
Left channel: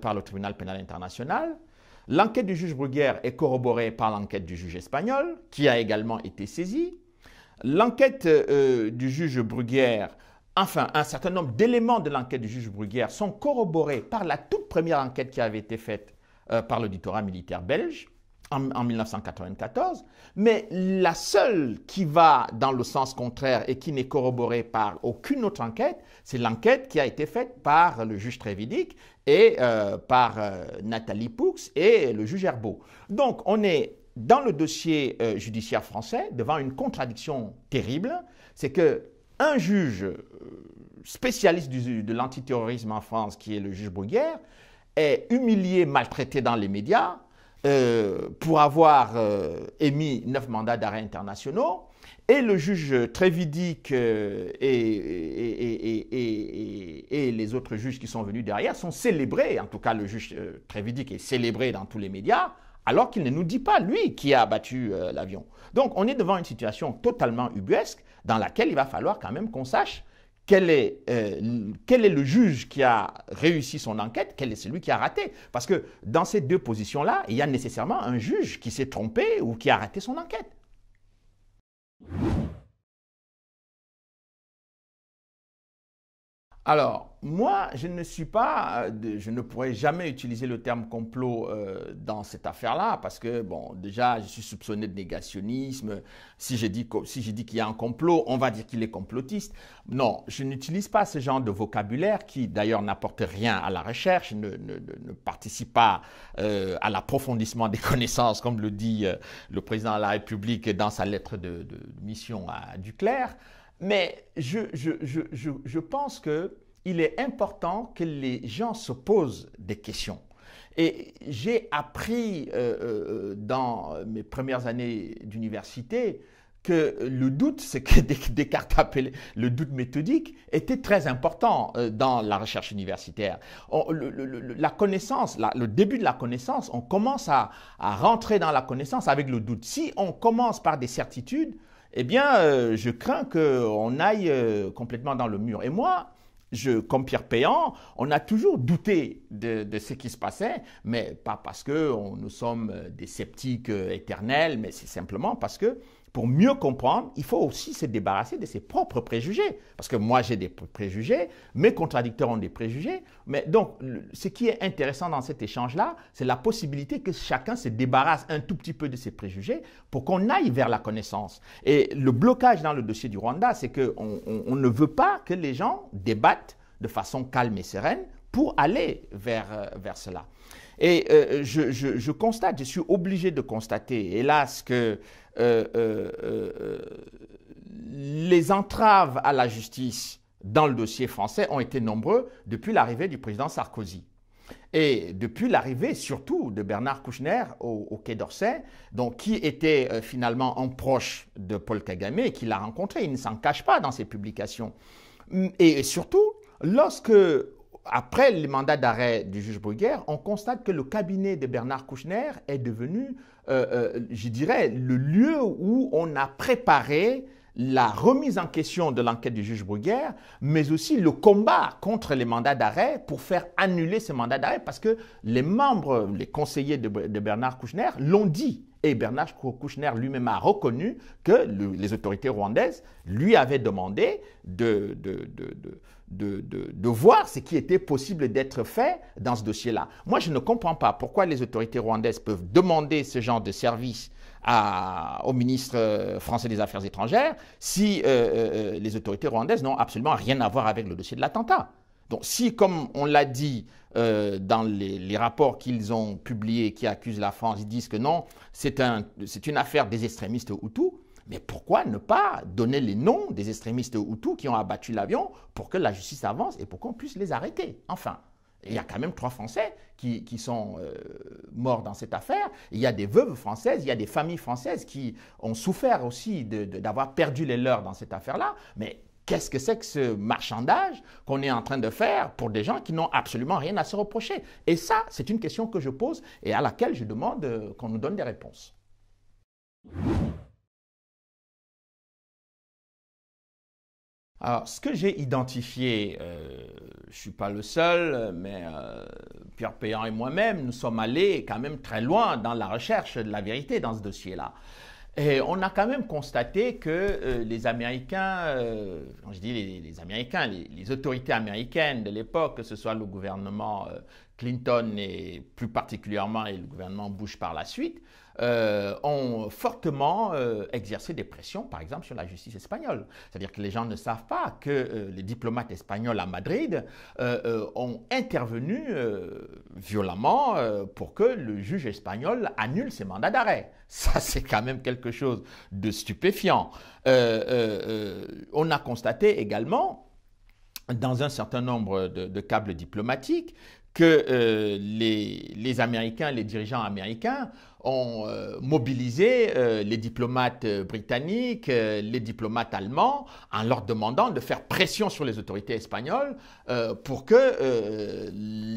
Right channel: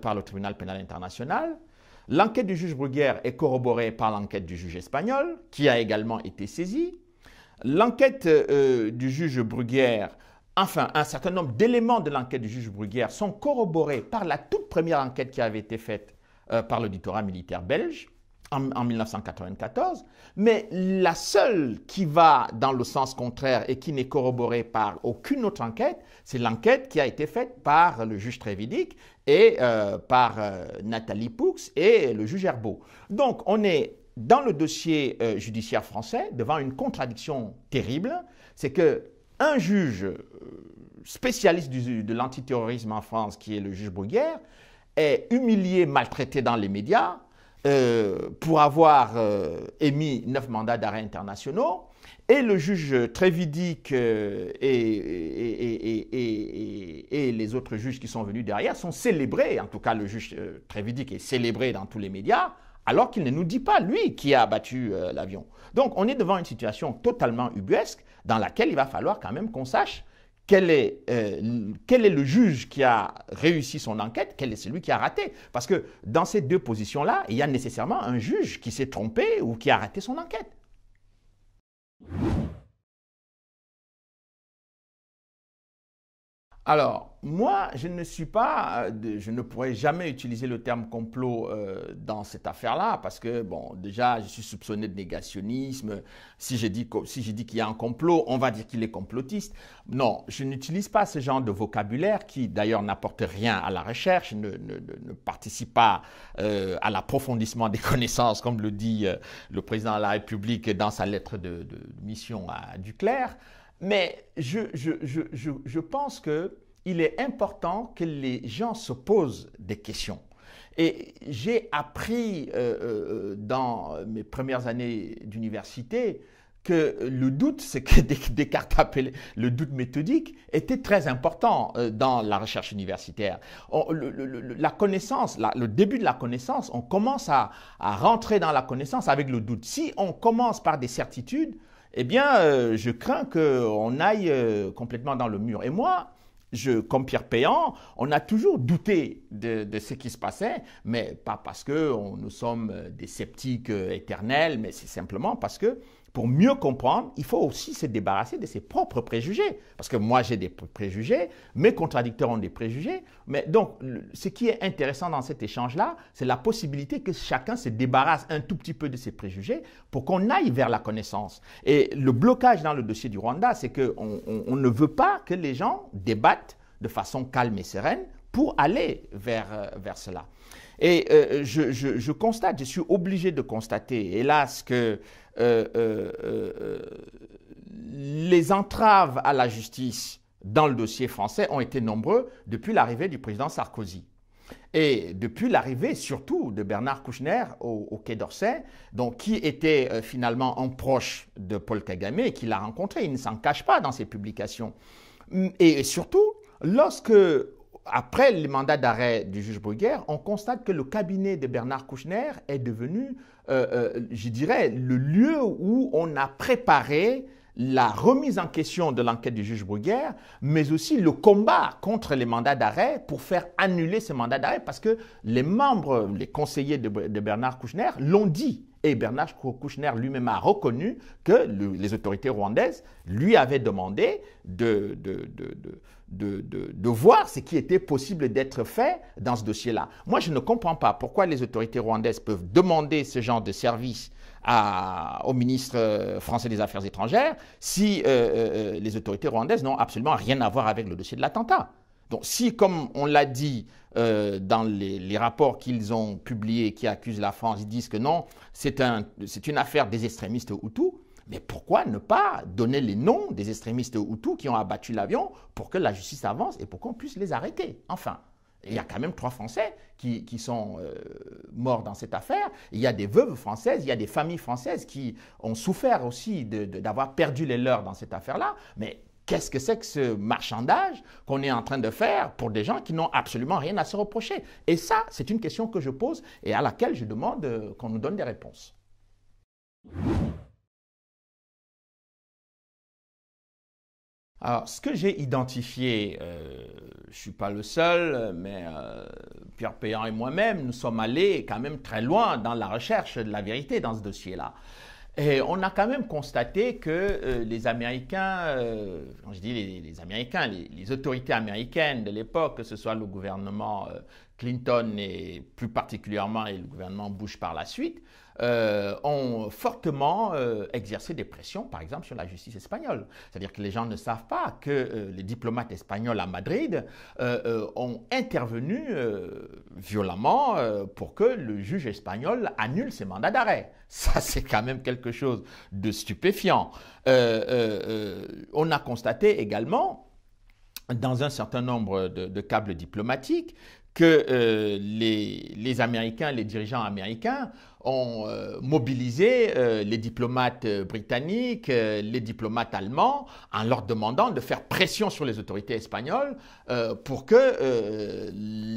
par le tribunal pénal international. L'enquête du juge Bruguière est corroborée par l'enquête du juge espagnol, qui a également été saisi. L'enquête du juge Bruguière, enfin un certain nombre d'éléments de l'enquête du juge Bruguière sont corroborés par la toute première enquête qui avait été faite par l'auditorat militaire belge en 1994, mais la seule qui va dans le sens contraire et qui n'est corroborée par aucune autre enquête, c'est l'enquête qui a été faite par le juge Trévidic et par Nathalie Poux et le juge Herbeau. Donc on est dans le dossier judiciaire français devant une contradiction terrible, c'est qu'un juge spécialiste de l'antiterrorisme en France, qui est le juge Bruguière, est humilié, maltraité dans les médias, pour avoir émis 9 mandats d'arrêt internationaux, et le juge Trévidic et les autres juges qui sont venus derrière sont célébrés, en tout cas le juge Trévidic est célébré dans tous les médias, alors qu'il ne nous dit pas, lui, qui a abattu l'avion. Donc on est devant une situation totalement ubuesque dans laquelle il va falloir quand même qu'on sache quel est le juge qui a réussi son enquête, quel est celui qui a raté. Parce que dans ces 2 positions-là, il y a nécessairement un juge qui s'est trompé ou qui a raté son enquête. Alors, moi, je ne pourrais jamais utiliser le terme complot dans cette affaire-là, parce que, bon, déjà, je suis soupçonné de négationnisme. Si je dis qu'il y a un complot, on va dire qu'il est complotiste. Non, je n'utilise pas ce genre de vocabulaire qui, d'ailleurs, n'apporte rien à la recherche, ne participe pas à l'approfondissement des connaissances, comme le dit le président de la République dans sa lettre de mission à Duclerc. Mais je pense qu'il est important que les gens se posent des questions. Et j'ai appris dans mes premières années d'université que le doute, c'est que Descartes appelait le doute méthodique, était très important dans la recherche universitaire. La connaissance, le début de la connaissance, on commence à rentrer dans la connaissance avec le doute. Si on commence par des certitudes, eh bien, je crains qu'on aille complètement dans le mur. Et moi, comme Pierre Péan, on a toujours douté de ce qui se passait, mais pas parce que nous sommes des sceptiques éternels, mais c'est simplement parce que pour mieux comprendre, il faut aussi se débarrasser de ses propres préjugés. Parce que moi, j'ai des préjugés, mes contradicteurs ont des préjugés. Mais donc, ce qui est intéressant dans cet échange-là, c'est la possibilité que chacun se débarrasse un tout petit peu de ses préjugés pour qu'on aille vers la connaissance. Et le blocage dans le dossier du Rwanda, c'est qu'on ne veut pas que les gens débattent de façon calme et sereine pour aller vers cela. Et je constate, je suis obligé de constater, hélas, que les entraves à la justice dans le dossier français ont été nombreux depuis l'arrivée du président Sarkozy. Et depuis l'arrivée surtout de Bernard Kouchner au Quai d'Orsay, donc qui était finalement un proche de Paul Kagame et qui l'a rencontré, il ne s'en cache pas dans ses publications. Et surtout, lorsque, après les mandats d'arrêt du juge Bruguière, on constate que le cabinet de Bernard Kouchner est devenu, je dirais, le lieu où on a préparé la remise en question de l'enquête du juge Bruguière, mais aussi le combat contre les mandats d'arrêt pour faire annuler ces mandats d'arrêt, parce que les membres, les conseillers de Bernard Kouchner l'ont dit. Et Bernard Kouchner lui-même a reconnu que les autorités rwandaises lui avaient demandé de voir ce qui était possible d'être fait dans ce dossier-là. Moi, je ne comprends pas pourquoi les autorités rwandaises peuvent demander ce genre de service au ministre français des Affaires étrangères si les autorités rwandaises n'ont absolument rien à voir avec le dossier de l'attentat. Donc si, comme on l'a dit dans les rapports qu'ils ont publiés qui accusent la France, ils disent que non, c'est une affaire des extrémistes Hutus, mais pourquoi ne pas donner les noms des extrémistes Hutus qui ont abattu l'avion pour que la justice avance et pour qu'on puisse les arrêter? Enfin, il y a quand même 3 Français qui sont morts dans cette affaire. Il y a des veuves françaises, il y a des familles françaises qui ont souffert aussi d'avoir perdu les leurs dans cette affaire-là. Mais qu'est-ce que c'est que ce marchandage qu'on est en train de faire pour des gens qui n'ont absolument rien à se reprocher? Et ça, c'est une question que je pose et à laquelle je demande qu'on nous donne des réponses. Alors, ce que j'ai identifié, je ne suis pas le seul, mais Pierre Péan et moi-même, nous sommes allés quand même très loin dans la recherche de la vérité dans ce dossier-là. Et on a quand même constaté que les Américains, quand je dis les Américains, les autorités américaines de l'époque, que ce soit le gouvernement Clinton et plus particulièrement et le gouvernement Bush par la suite, ont fortement exercé des pressions, par exemple, sur la justice espagnole. C'est-à-dire que les gens ne savent pas que les diplomates espagnols à Madrid ont intervenu violemment pour que le juge espagnol annule ses mandats d'arrêt. Ça, c'est quand même quelque chose de stupéfiant. On a constaté également, dans un certain nombre de câbles diplomatiques, que les Américains, les dirigeants américains ont mobilisé les diplomates britanniques, les diplomates allemands, en leur demandant de faire pression sur les autorités espagnoles pour que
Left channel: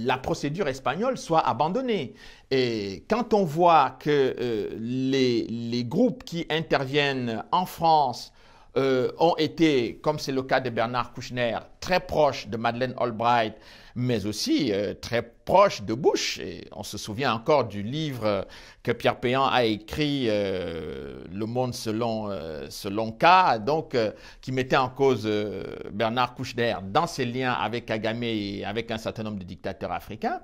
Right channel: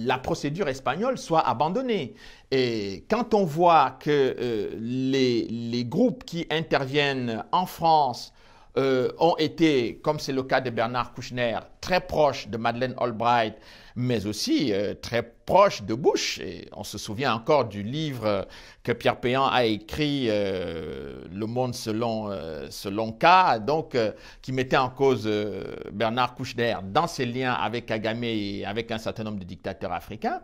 la procédure espagnole soit abandonnée. Et quand on voit que les groupes qui interviennent en France ont été, comme c'est le cas de Bernard Kouchner, très proches de Madeleine Albright, mais aussi très proches de Bush. Et on se souvient encore du livre que Pierre Péan a écrit, Le Monde selon K, donc qui mettait en cause Bernard Kouchner dans ses liens avec Kagame et avec un certain nombre de dictateurs africains.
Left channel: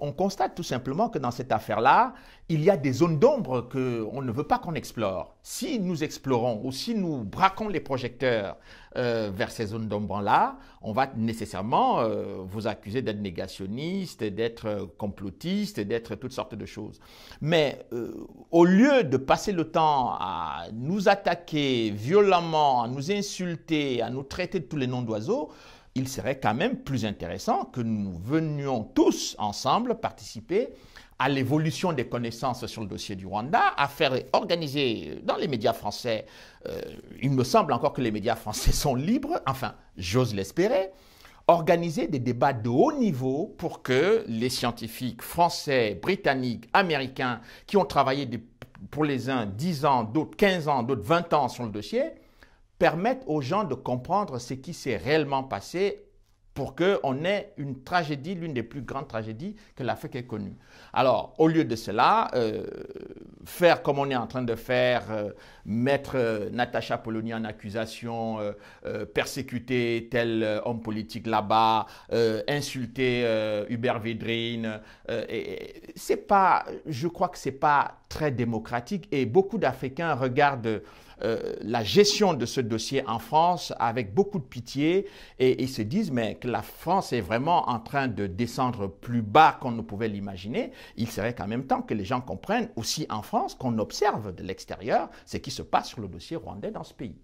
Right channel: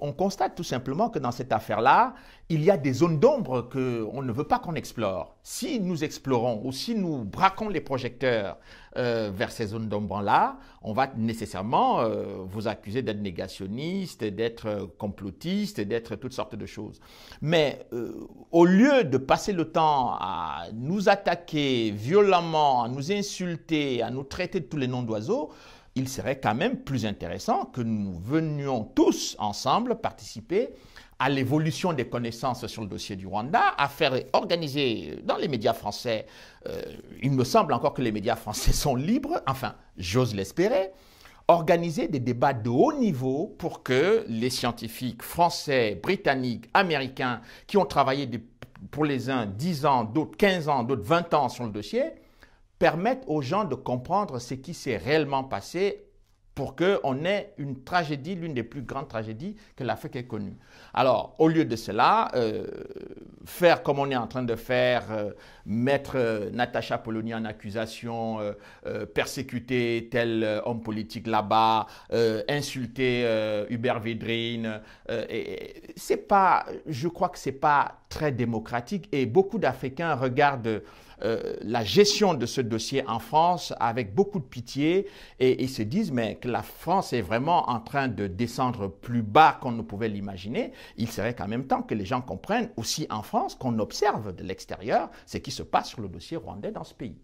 On constate tout simplement que dans cette affaire-là, il y a des zones d'ombre qu'on ne veut pas qu'on explore. Si nous explorons ou si nous braquons les projecteurs vers ces zones d'ombre-là, on va nécessairement vous accuser d'être négationniste, d'être complotiste, d'être toutes sortes de choses. Mais au lieu de passer le temps à nous attaquer violemment, à nous insulter, à nous traiter de tous les noms d'oiseaux, il serait quand même plus intéressant que nous venions tous ensemble participer à l'évolution des connaissances sur le dossier du Rwanda, à faire organiser dans les médias français, il me semble encore que les médias français sont libres, enfin j'ose l'espérer, organiser des débats de haut niveau pour que les scientifiques français, britanniques, américains qui ont travaillé pour les uns 10 ans, d'autres 15 ans, d'autres 20 ans sur le dossier, permettent aux gens de comprendre ce qui s'est réellement passé pour qu'on ait une tragédie, l'une des plus grandes tragédies que l'Afrique ait connue. Alors, au lieu de cela, faire comme on est en train de faire, mettre Natacha Polony en accusation, persécuter tel homme politique là-bas, insulter Hubert Védrine, je crois que c'est pas très démocratique et beaucoup d'Africains regardent la gestion de ce dossier en France avec beaucoup de pitié et ils se disent mais que la France est vraiment en train de descendre plus bas qu'on ne pouvait l'imaginer. Il serait qu'en même temps que les gens comprennent aussi en France qu'on observe de l'extérieur ce qui se passe sur le dossier rwandais dans ce pays.